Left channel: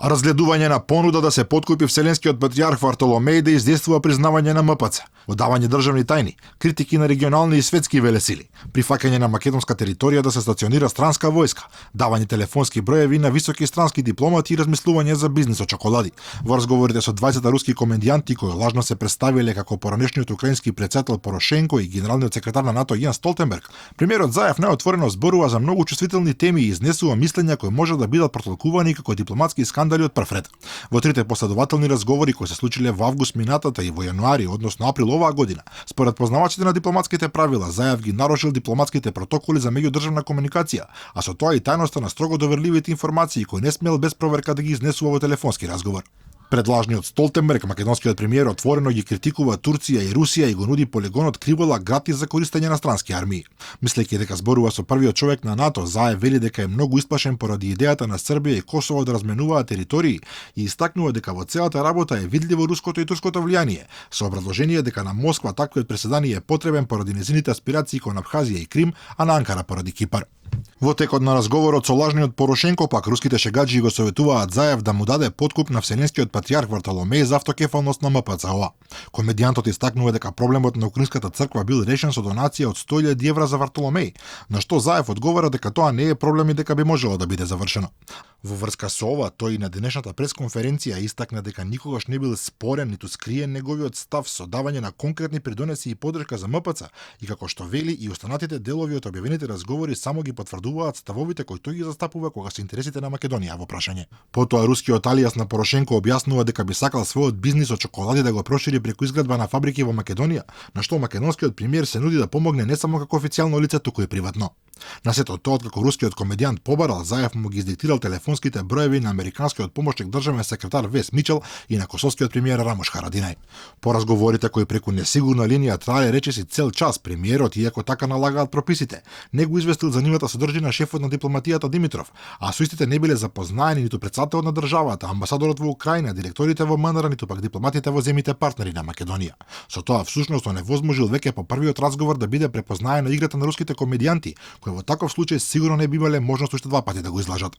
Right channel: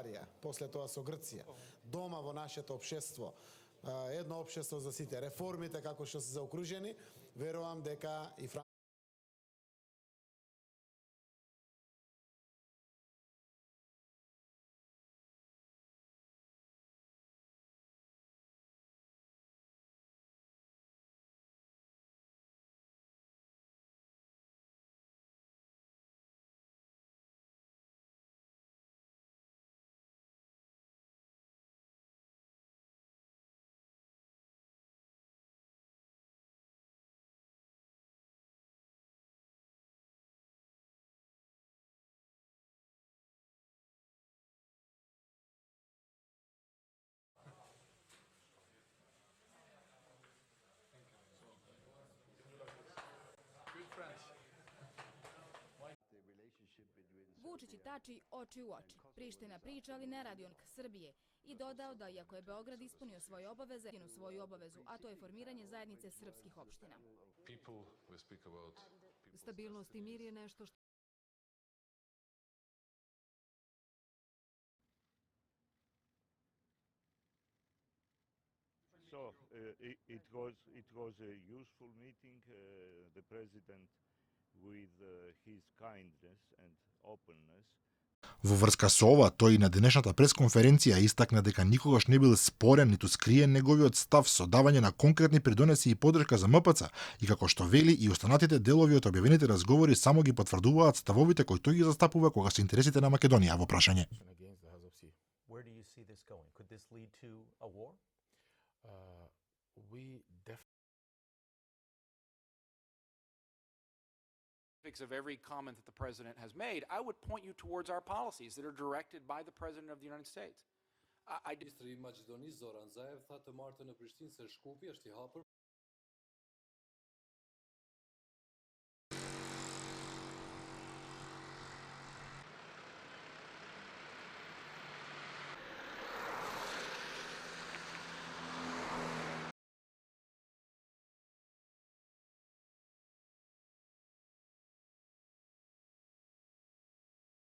Разгледување на понуда да се подкупи Вселенскиот патријарх Вартоломеј да издействува признавање на МПЦ, одавање државни тајни, критики на регионални и светски велесили, прифаќање на македонска територија да се стационира странска војска, давање телефонски броеви на високи странски дипломати и размислување за бизнис од чоколади. Во разговорите со 20 руски комедијанти кои лажно се представиле како поранешниот украински претседател Порошенко и генералниот секретар на НАТО Јенс Столтенберг, премиерот Заев најотворено зборува за многу чувствителни теми и изнесува мислења кои може да бидат протолкувани како дипломатски скандали од прв ред. Во трите последователни разговори кои се случиле во август минатата и во јануари, односно април оваа година, според познавачите на дипломатските правила, Заев ги нарушил дипломатските протоколи за меѓудржавна комуникација, а со тоа и тајноста на строго доверливите информации кои не смел без проверка да ги изнесува во телефонски разговор. Пред лажниот Столтенберг, македонскиот премиер отворено ги критикува Турција и Русија и го нуди полигонот Кривола гратис за користење на странски армии. Мислејќи дека зборува со првиот човек на НАТО, Заев вели дека е многу исплашен поради идејата на Србија и Косово да разменуваат територии и истакнува дека во целата работа е видливо руското и турското влијание, со образложение дека на Москва таквиот преседани е потребен поради незините аспирации кон Абхазија и Крим, а на Анкара поради Кипар. Во текот на разговорот со лажниот Порошенко, пак руските шегаџи го советуваат Заев да му даде подкуп на Вселенскиот патријарх Вартоломеј за автокефалност на МПЦО. Комедијантот истакнува дека проблемот на Украинската црква бил решен со донација од 100.000 евра за Вартоломеј, на што Заев одговара дека тоа не е проблем и дека би можело да биде завршено. Во врска со ова, тој и на денешната пресконференција истакна дека никогаш не бил спорен ниту скриен неговиот став со давање на конкретни придонеси и подршка за МПЦ и како што вели и останатите делови од објавените разговори само ги потврдуваат ставовите кои тој ги застапува кога се интересите на Македонија во прашање. Потоа рускиот алијас на Порошенко објаснува дека би сакал својот бизнис од чоколади да го прошири преку изградба на фабрики во Македонија, на што македонскиот премиер се нуди да помогне не само како официјално лице, туку и приватно. На сето тоа, откако рускиот комедијант побарал, Заев му ги издиктирал телефонските броеви на американскиот помошник државен секретар Вес Мичел и на косовскиот премиер Рамош Харадинај. По разговорите кои преку несигурна линија траеле речиси цел час, премиерот, иако така налагаат прописите, не го известил за нивната содржина шефот на дипломатијата Димитров, а со истите не биле запознаени ниту председателот на државата, амбасадорот во Украина, директорите во МНР, ниту пак дипломатите во земите партнери на Македонија. Со тоа всушност оневозможил веќе по првиот разговор да биде препознаена играта на руските комедијанти, кои во таков случај сигурно не би имале можност уште два пати да го излажат.